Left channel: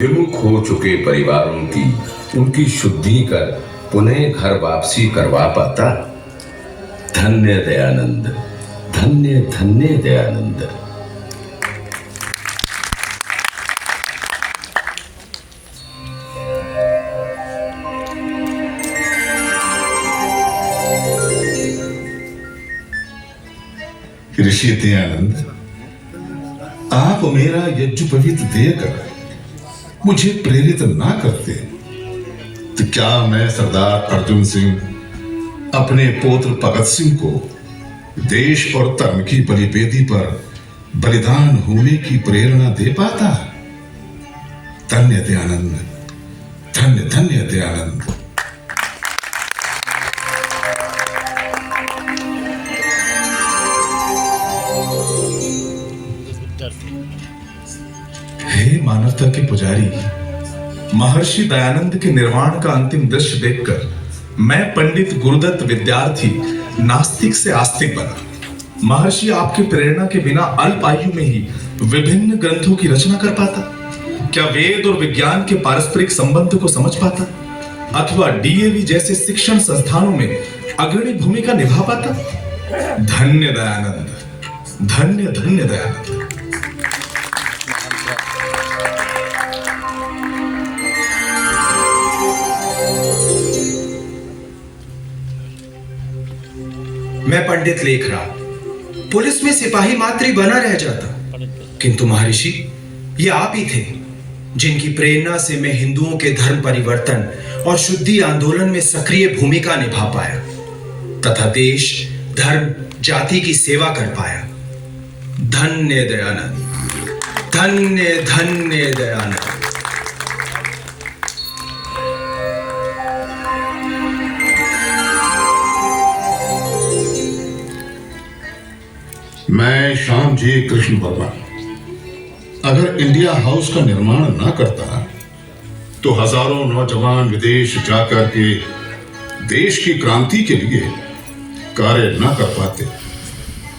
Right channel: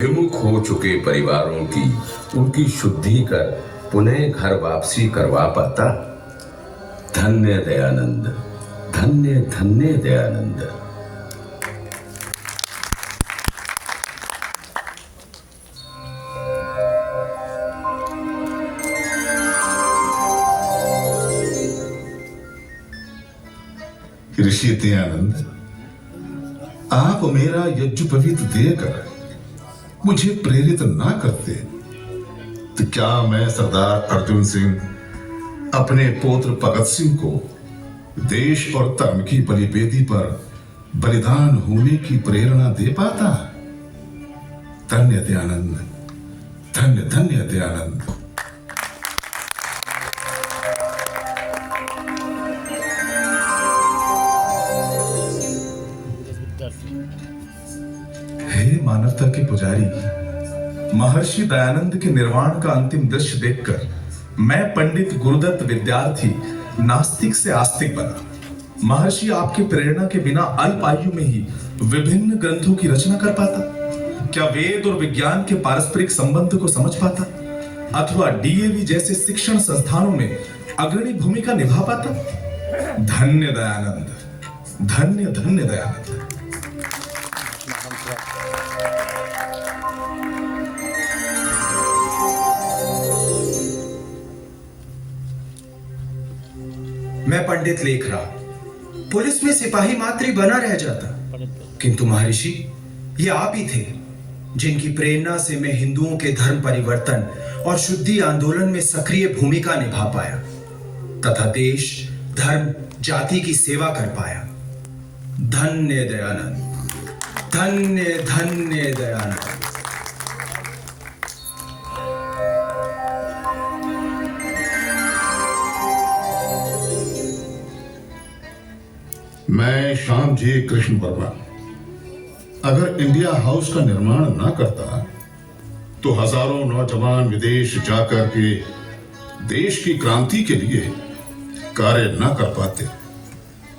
विमुख हो चुके परिवारों की उनकी शुद्धि कर पुनः घर वापसी करवा पाता। धन्य दयानंद, धन्य धन्य दयानंद। ऋषि दयानंद, आप मेरा यज्ञोपवीत देकर मुझे प्रेरित ना करते तो क्या मैं सरदार अर्जुन सिंह अपने पुत्र भगत सिंह को देश और धर्म की बलिवेदी पर बलिदान होने की प्रेरणा दे पाता। धन्य दयानंद, धन्य धन्य दयानंद। हे मानवता के पुजारी, महर्षि दयानंद के निर्वाण का अंतिम दृश्य देखकर मैं पंडित गुरुदत्त विद्यार्थी नास्तिक से आस्तिक बना। महर्षि आपकी प्रेरणा के बिना अल्प आयु में ही विभिन्न ग्रंथों की रचना कर पाता? क्या वेद और विज्ञान के पारस्परिक संबंध को समझ पाता? अथवा डीएवी जैसे शिक्षण संस्थानों में अग्रणी भूमिका निभा पाता? धन्य दयानंद, धन्य धन्य दयानंद। मैं पंडित लेखराज पुलिस में सिपाही मात्र बना रह जाता, किंतु महर्षि ये आप ही थे जिनकी प्रेरणा से मैं हिंदुओं के धर्म परिवर्तन और शुद्धि आंदोलन में सक्रिय भूमिका निभा पाया तथा देश, धर्म, जाति की सेवा कर पाया। धन्य दयानंद, धन्य धन्य दयानंद। मैं श्याम जी कृष्ण वर्मा अगर इंडिया हाउस का निर्माण ना करता तो हजारों नौजवान विदेश जाकर के देश की क्रांति के लिए कार्य ना कर पाते।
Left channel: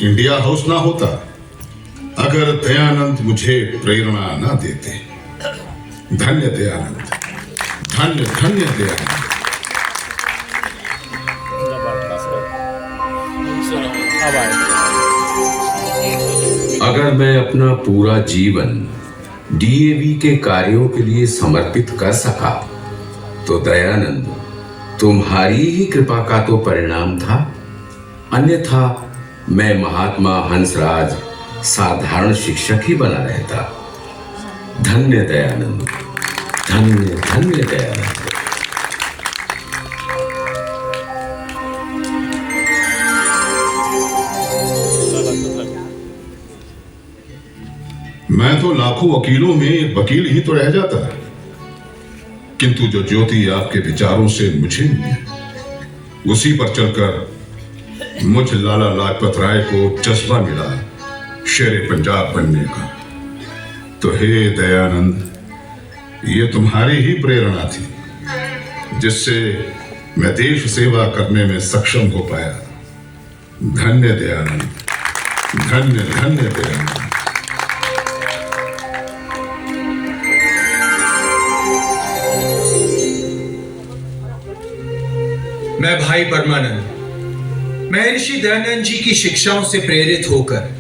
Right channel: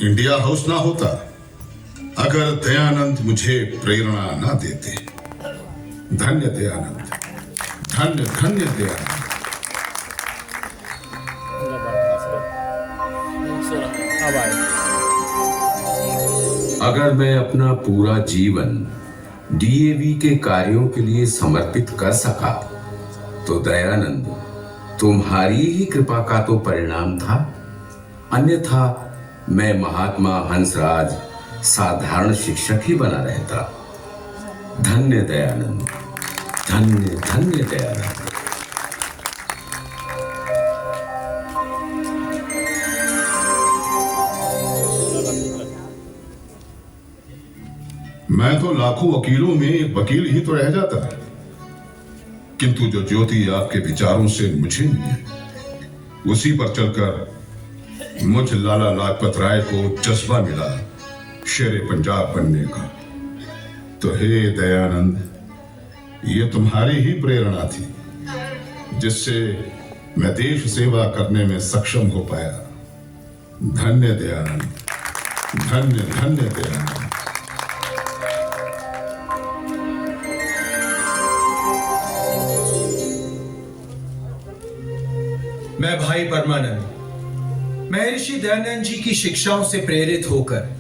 इंडिया हाउस ना होता अगर दयानंद मुझे प्रेरणा ना देते। धन्य दयानंद, धन्य धन्य दयानंद। अगर मैं अपना पूरा जीवन डीएवी के कार्यों के लिए समर्पित कर सका तो दयानंद तुम्हारी ही कृपा का तो परिणाम था, अन्यथा मैं महात्मा हंसराज साधारण शिक्षक ही बना रहता। धन्य दयानंद, धन्य धन्य दयानंद। मैं तो लाखों वकीलों में एक वकील ही तो रह जाता, किंतु जो ज्योति आपके विचारों से मुझे मिली उसी पर चलकर मुझ लाला लाजपत राय को जज्बा मिला शेरे पंजाब बनने का। तो हे दयानंद, ये तुम्हारी ही प्रेरणा थी जिससे मैं देश सेवा करने में सक्षम हो पाया। धन्य दयानंद, धन्य धन्य दयानंद। मैं भाई परमानंद महर्षि दयानंद जी की शिक्षाओं से प्रेरित होकर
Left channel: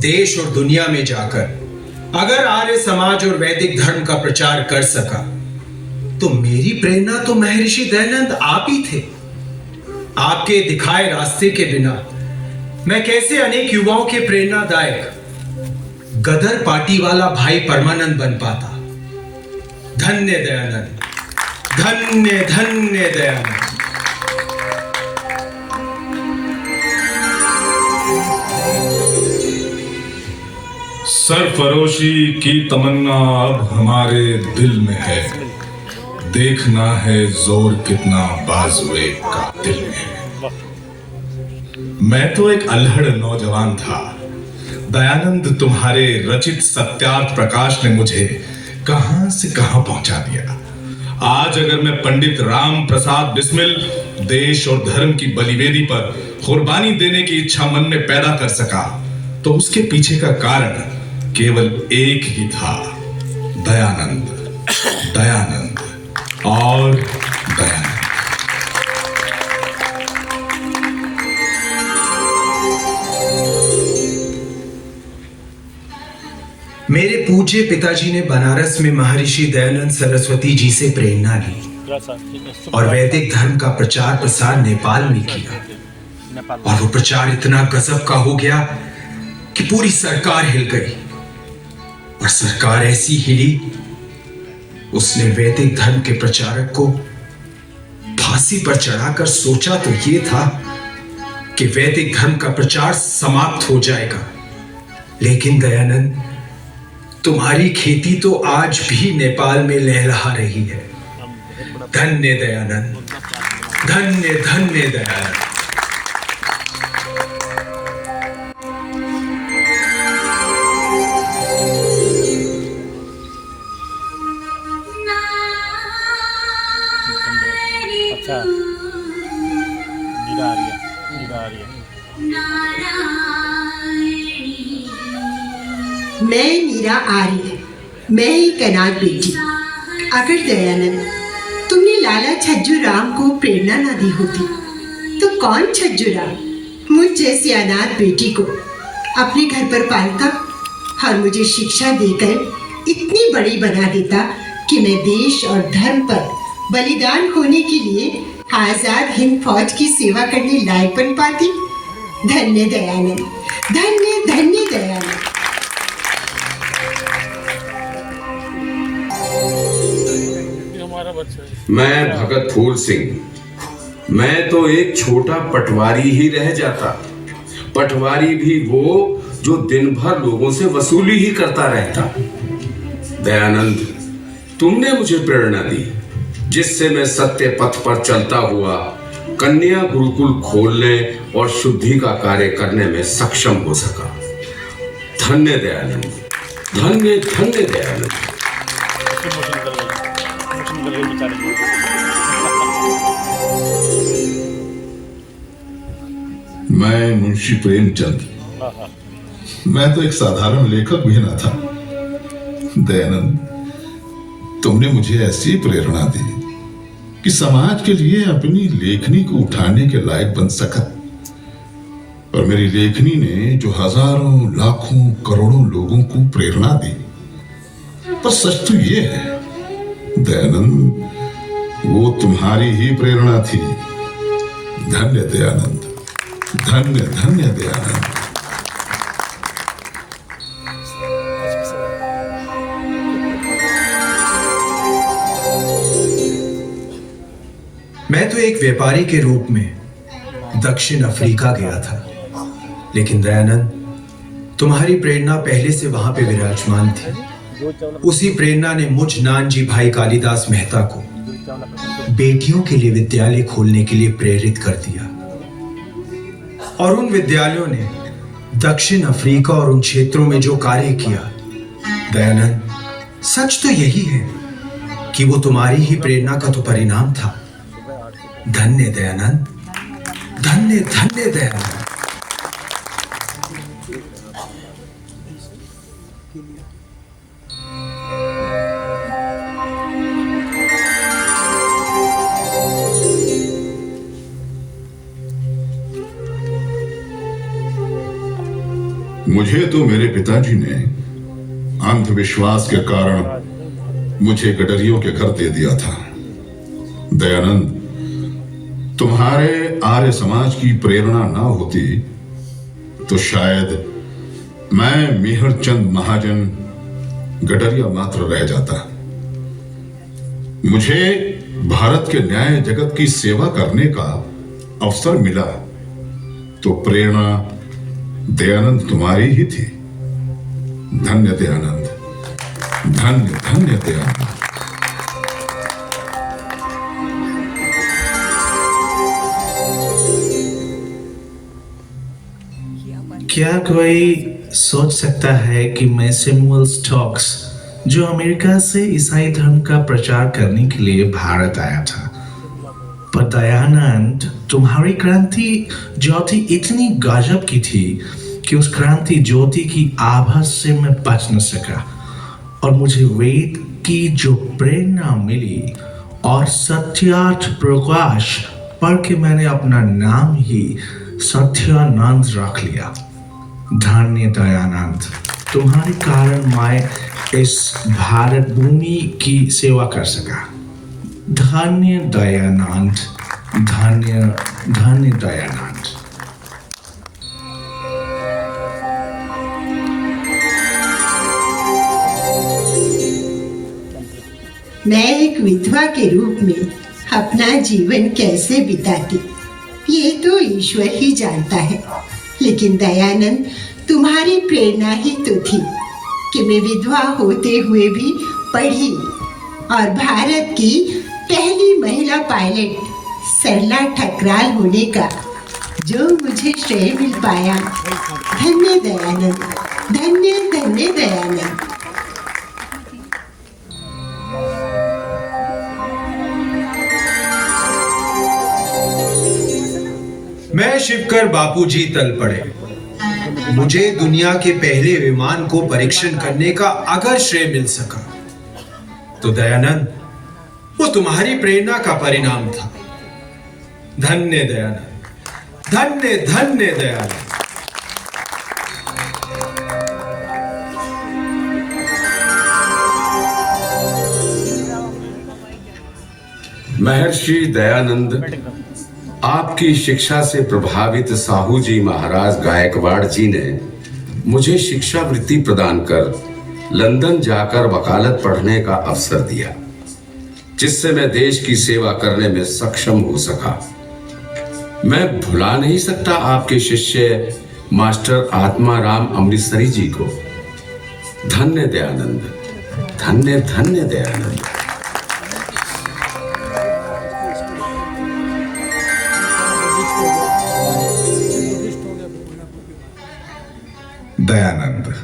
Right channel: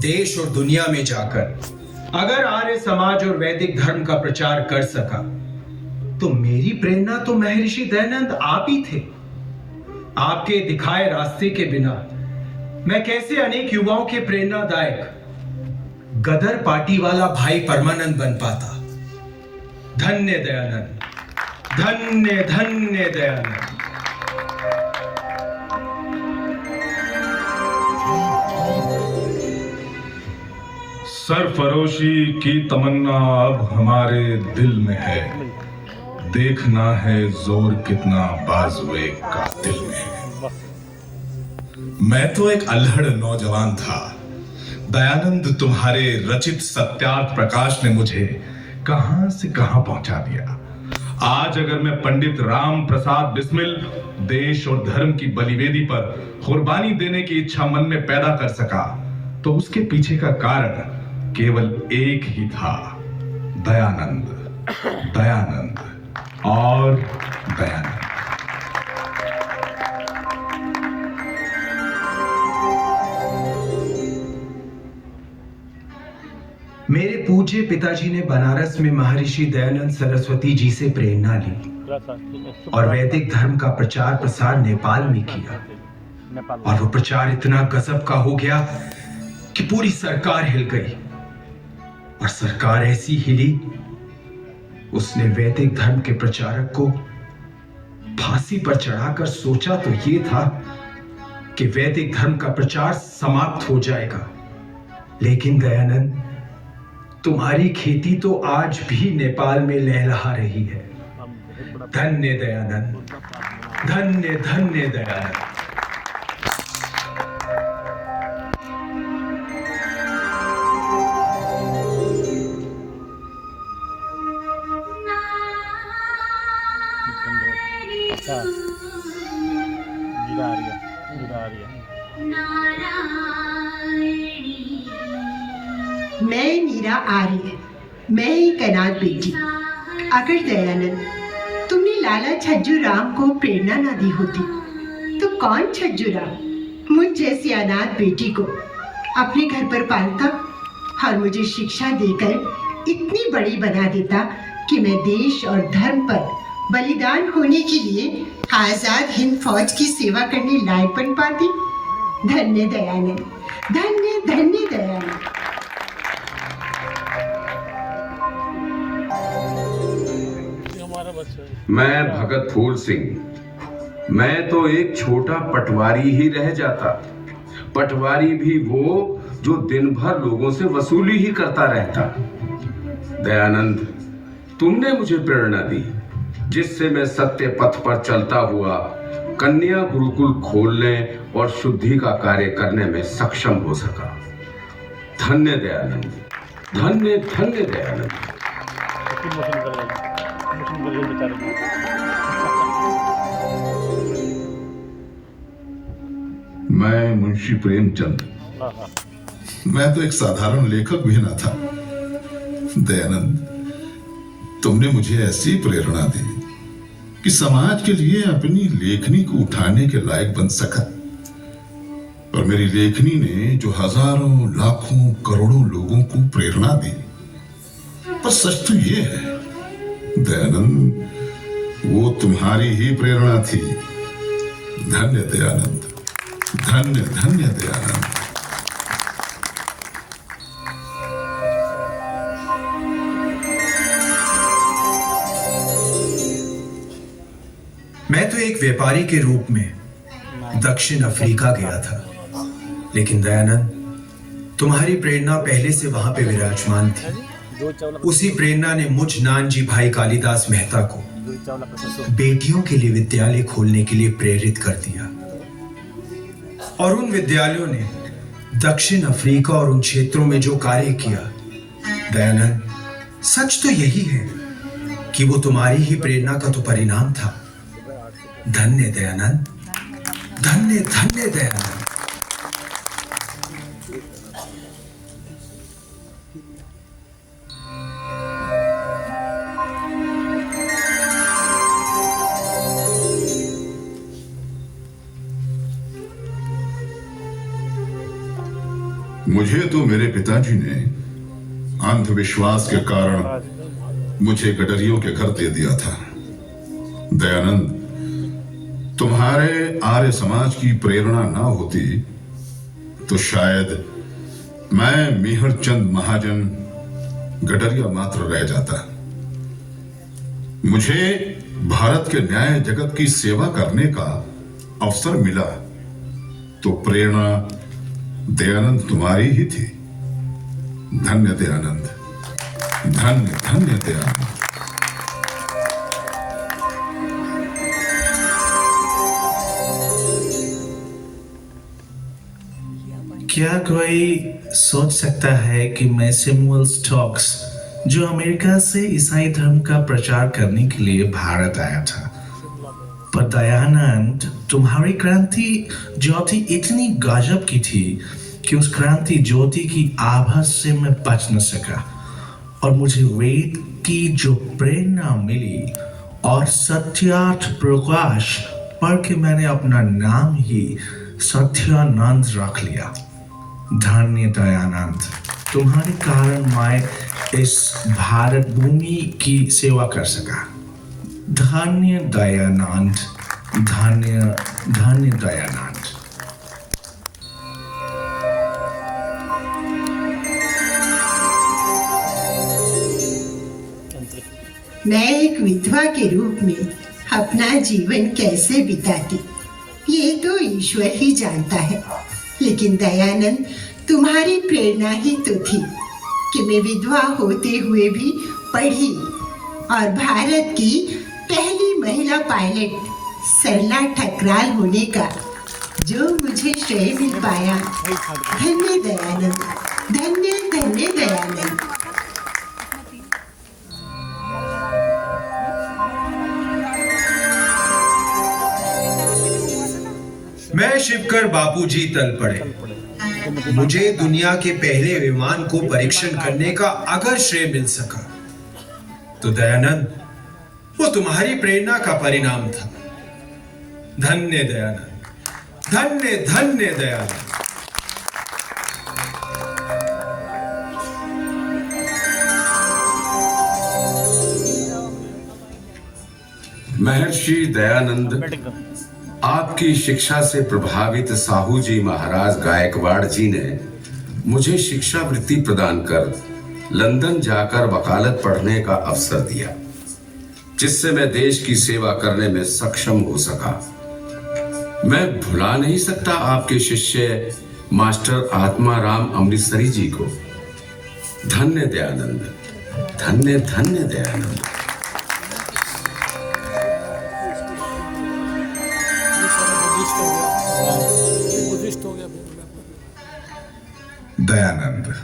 देश और दुनिया में जाकर अगर आर्य समाज और वैदिक धर्म का प्रचार कर सका तो मेरी प्रेरणा तो महर्षि दयानंद आप ही थे। आपके दिखाए रास्ते के बिना मैं कैसे अनेक युवाओं के प्रेरणादायक गदर पार्टी वाला भाई परमानंद बन पाता। धन्य दयानंद, धन्य धन्य दयानंद। सरफरोशी की तमन्ना अब हमारे दिल में है, देखना है जोर कितना बाजुए कातिल में है। मैं तो एक अल्हड़ नौजवान था, दयानंद तुम्हारे रचित सत्यार्थ प्रकाश ने मुझे कहां से कहां पहुंचा दिया। आज अगर मैं पंडित राम प्रसाद बिस्मिल देश और धर्म की बलिवेदी पर कुर्बानी देने की इच्छा मन में पैदा कर सका तो उसके पीछे का कारण केवल एक ही था, दयानंद। दयानंद और दयानंद। मेरे पूज्य पिताजी ने बनारस में महर्षि दयानंद सरस्वती जी से प्रेरणा ली और वैदिक धर्म का प्रचार प्रसार नेपाल में किया। और वो प्रचार इतना गजब का हो गया कि पूरी सरकार हिल गई। और सरकार ऐसी हिली, उसने वैदिक धर्म के प्रचारक को फांसी पर चढ़ाकर सोचा तो ये था कि वैदिक धर्म का प्रचार समाप्त हो जाएगा। लेकिन दयानंद, तुम्हारी खेती तो आज भी नेपाल में लहरा रही है। धन्य दयानंद, धन्य धन्य दयानंद। अच्छा नीरा आ रही है, नीरा आ रही है। मैं मीरा आर्य, मैं एक अनाथ बेटी। अगर दयानंद तुमने लाला छज्जू राम को प्रेरणा ना दी होती तो कौन छज्जू राम मुझ जैसी अनाथ बेटी को अपने घर पर पालता और मुझे शिक्षा देकर इतनी बड़ी बना देता कि मैं देश और धर्म पर बलिदान होने के लिए आजाद हिंद फौज की सेवा करने लायक बन पाती। धन्य दयानंद, धन्य धन्य दयानंद। मैं भगत फूल सिंह, मैं तो एक छोटा पटवारी ही रह जाता। पटवारी भी वो जो दिन भर लोगों से वसूली ही करता रहता। दयानंद, तुमने मुझे प्रेरणा दी जिससे मैं सत्य पथ पर चलता हुआ कन्या गुरुकुल खोलने और शुद्धि का कार्य करने में सक्षम हो सका। धन्य दयानंद, धन्य धन्य दयानंद। मैं मुंशी प्रेमचंद, मैं तो एक साधारण लेखक भी ना था। दयानंद, तुमने मुझे ऐसी प्रेरणा दी कि समाज के लिए अपनी लेखनी को उठाने के लायक बन सका। और मेरी लेखनी ने जो हजारों लाखों करोड़ों लोगों को प्रेरणा दी। पर सच तो ये है दयानंद, वो तुम्हारी ही प्रेरणा थी। धन्य दयानंद, धन्य धन्य दयानंद। मैं तो एक व्यापारी के रूप में दक्षिण अफ्रीका गया था, लेकिन दयानंद, तुम्हारी प्रेरणा पहले से वहां पे विराजमान थी। उसी प्रेरणा ने मुझ नानजी भाई कालिदास मेहता को बेटियों के लिए विद्यालय खोलने के लिए प्रेरित कर दिया। और उन विद्यालयों ने दक्षिण अफ्रीका और उन क्षेत्रों में जो कार्य किया, दयानंद, सच तो यही है कि वो तुम्हारी ही प्रेरणा का तो परिणाम था। धन्य दयानंद, धन्य धन्य दयानंद। मुझे तो मेरे पिताजी ने अंधविश्वास के कारण मुझे गडरियों के घर दे दिया था। दयानंद, तुम्हारे आर्य समाज की प्रेरणा ना होती तो शायद मैं मेहरचंद महाजन गडरिया मात्र रह जाता। मुझे भारत के न्याय जगत की सेवा करने का अवसर मिला तो प्रेरणा दयानंद तुम्हारी ही थी। धन्य दयानंद, धन्य धन्य दयानंद। क्या कोई सोच सकता है कि मैं सैमुअल स्टोक्स, जो अमेरिका से ईसाई धर्म का प्रचार करने के लिए भारत आया था, पर दयानंद, तुम्हारी क्रांति ज्योति इतनी गजब की थी कि उस क्रांति ज्योति की आभा से मैं बच न सका और मुझे वेद, की जो प्रेरणा मिली और सत्यार्थ प्रकाश पढ़ के मैंने अपना नाम ही सत्यानंद रख लिया। धन्य दयानंद, तुम्हारे कारण मैं इस भारत भूमि की सेवा कर सका। धन्य दयानंद, धन्य धन्य दयानंद। मैं एक विधवा के रूप में अपना जीवन कैसे बिताती, ये तो ईश्वर ही जानता है। लेकिन दयानंद, तुम्हारी प्रेरणा ही तो थी कि मैं विधवा होते हुए भी पढ़ी और भारत की पहली महिला पायलट सरला ठकराल होने का जो मुझे श्रेय मिल पाया। धन्य दयानंद, धन्य धन्य दयानंद। मैं शिवकर बापूजी तल पड़े। मुझे दुनिया के पहले विमान को परीक्षण करने का अगर श्रेय मिल सका तो दयानंद, वो तुम्हारी प्रेरणा का परिणाम था। धन्य दयानंद, धन्य धन्य दयानंद। महर्षि दयानंद, आपकी शिक्षा से प्रभावित साहू जी महाराज गायकवाड़ जी ने मुझे शिक्षा वृत्ति प्रदान कर लंदन जाकर वकालत पढ़ने का अवसर दिया, जिससे मैं देश की सेवा करने में सक्षम हो सका। मैं भुला नहीं सकता आपके शिष्य मास्टर आत्माराम अमृतसरी जी को। धन्य दयानंद, धन्य धन्य दयानंद। दयानंद,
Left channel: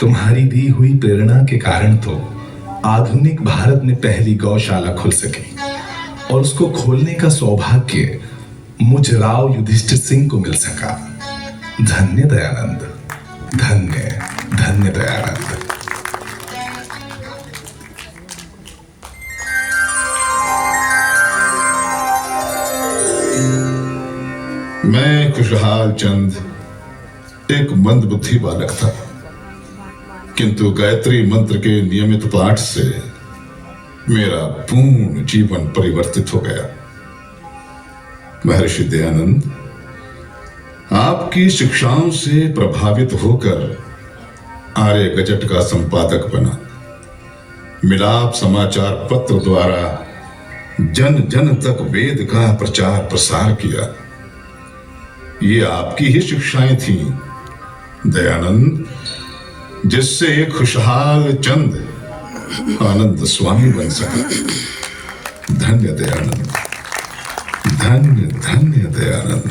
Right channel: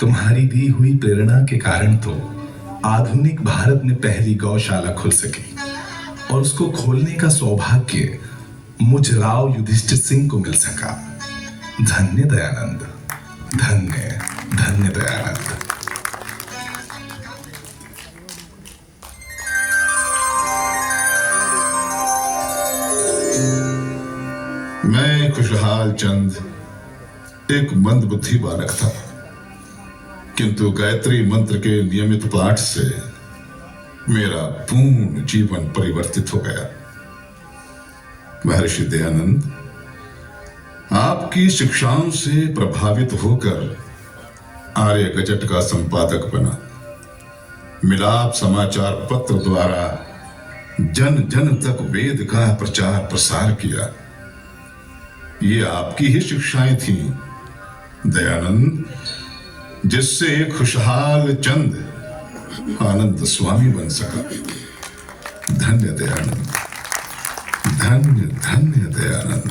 तुम्हारी दी हुई प्रेरणा के कारण तो आधुनिक भारत में पहली गौशाला खुल सकी और उसको खोलने का सौभाग्य मुझ राव युधिष्ठिर सिंह को मिल सका। धन्य दयानंद, धन्य धन्य दयानंद। मैं खुशहाल चंद एक मंदबुद्धि बालक था, किंतु गायत्री मंत्र के नियमित पाठ से मेरा पूर्ण जीवन परिवर्तित हो गया। महर्षि दयानंद, आपकी शिक्षाओं से प्रभावित होकर आर्य गजट का संपादक बना। मिलाप समाचार पत्र द्वारा जन जन तक वेद का प्रचार प्रसार किया। ये आपकी ही शिक्षाएं थीं दयानंद, जिससे एक खुशहाल चंद आनंद स्वामी बन सका। धन्य दयानंद, धन्य धन्य दयानंद।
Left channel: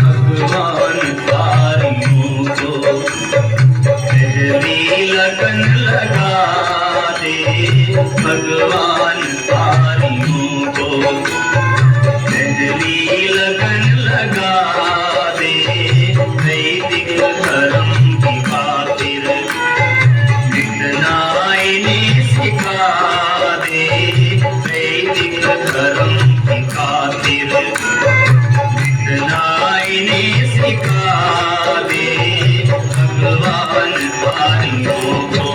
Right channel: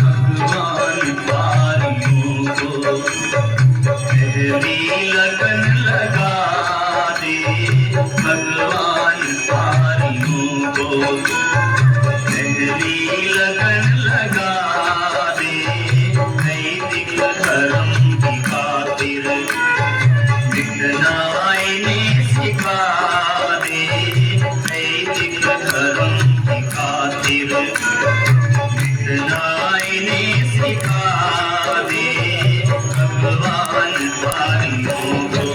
भगवान पारियों को पहली लगन लगा दे। भगवान पारियों को पहली लगन लगा दे। वैदिक धर्म की खातिर मिटना इन्हें सिखा दे। वैदिक धर्म की खातिर मिटना इन्हें सिखा दे। भगवान पारियों को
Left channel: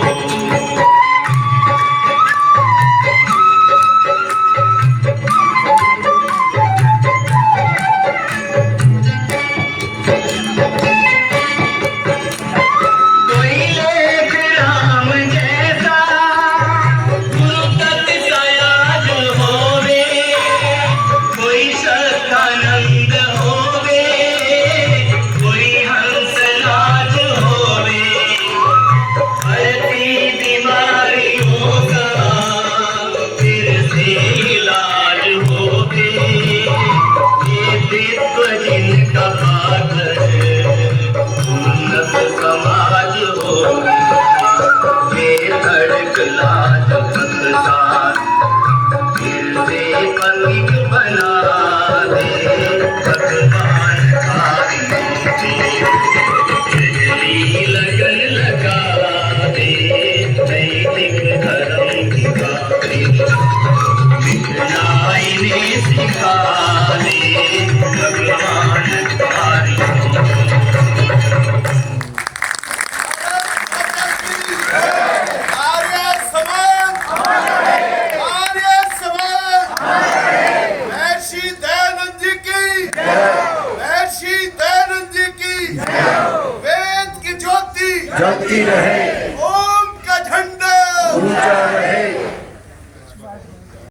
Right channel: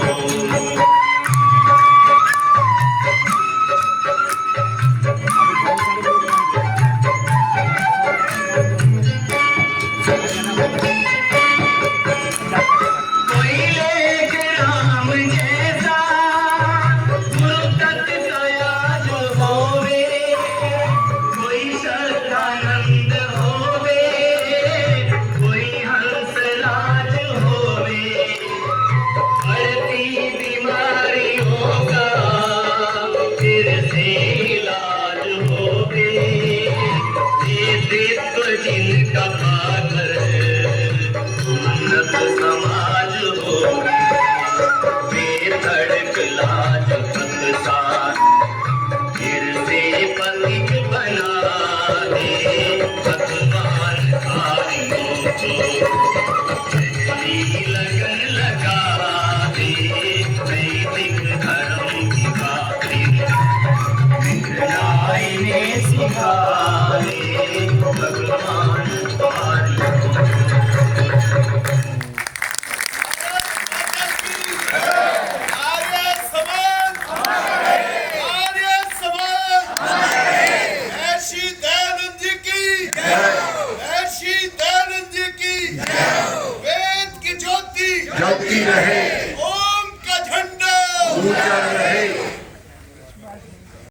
जलती रहे ओम का झंडा ऊंचा